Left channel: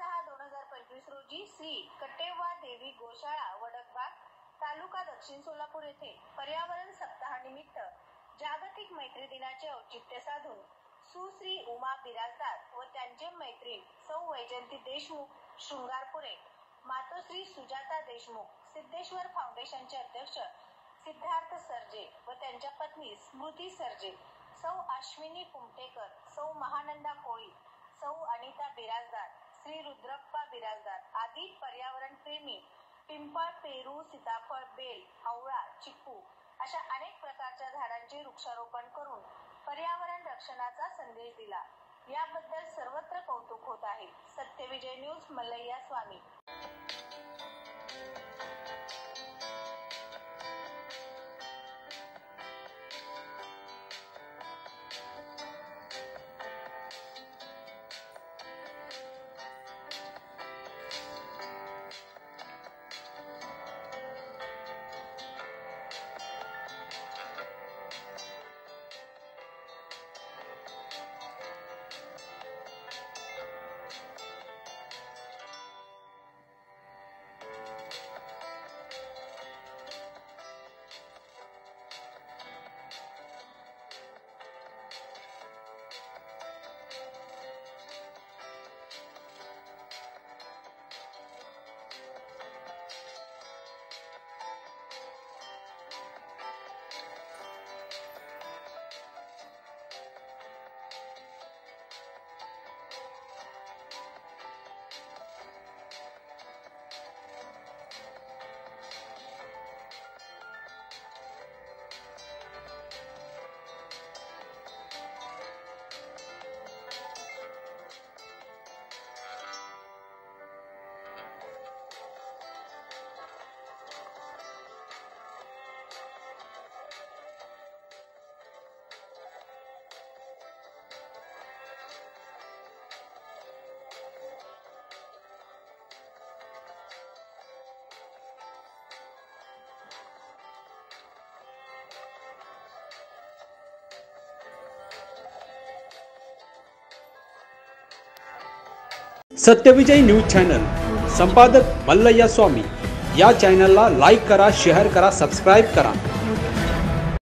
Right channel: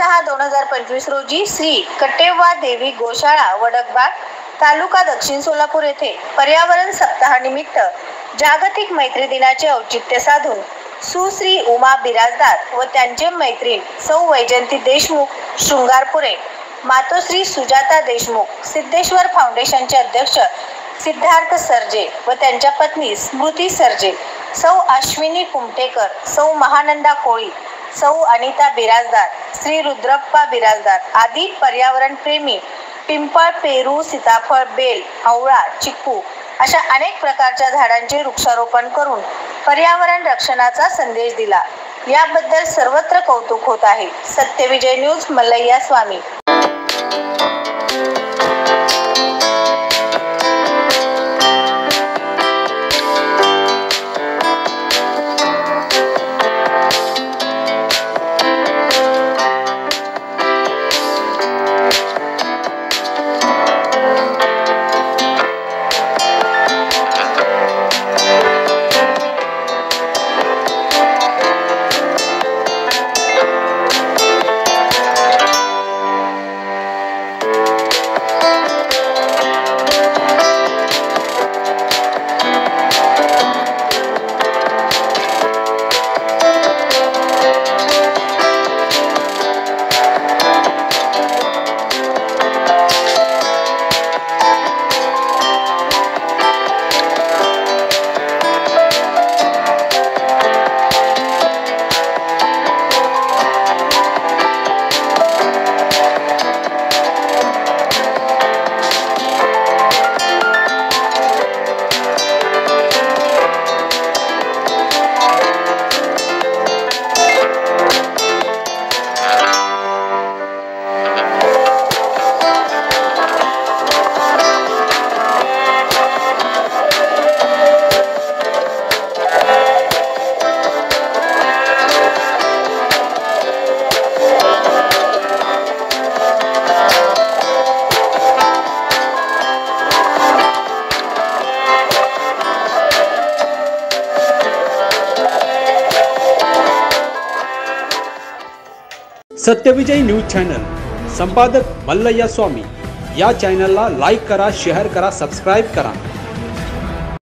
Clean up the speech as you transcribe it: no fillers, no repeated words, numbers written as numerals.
6/6/2025 रोजी श्री कटेवा देवी गोशाळा वडकबाग तालुका दक्षिण सोलापूर येथे पर्यावरण सप्ताहानिमित्त जागतिक मैत्री दिनाचे औचित्य साधून सुश्री उमा बिराजदार व त्यांचे मैत्रीण सौ वैजयंती देशमुख शृंगारपुरे, मातोश्री सुजाता देशमुख, सिद्धेश्वर फाउंडेशनचे अध्यक्ष सिद्धार्थ सर्जे व त्यांच्या पत्नी स्मृती सर्जे, सौ अश्विनी कुमटेकर, सौ महानंदा कोळी, सौ अनिता बिराजदार, श्री रुद्रप्पा बिराजदार आदी पर्यावरण प्रेमी पिंपळ, पेरू, सीताफळ, बेल, आवळा, चिक्कू अशा अनेक प्रकारच्या झाडांचे वृक्षारोपण करून पर्यावरण रक्षणाचा संदेश दिला। याबद्दल सर्वत्र कौतुक होत आहे। सत्यविजय न्यूज, मल्लय्या स्वामी। सत्यविजय न्यूज चॅनल संपादक मल्लय्या स्वामी। या चॅनलला लाईक करा, शेअर करा, सबस्क्राइब करा।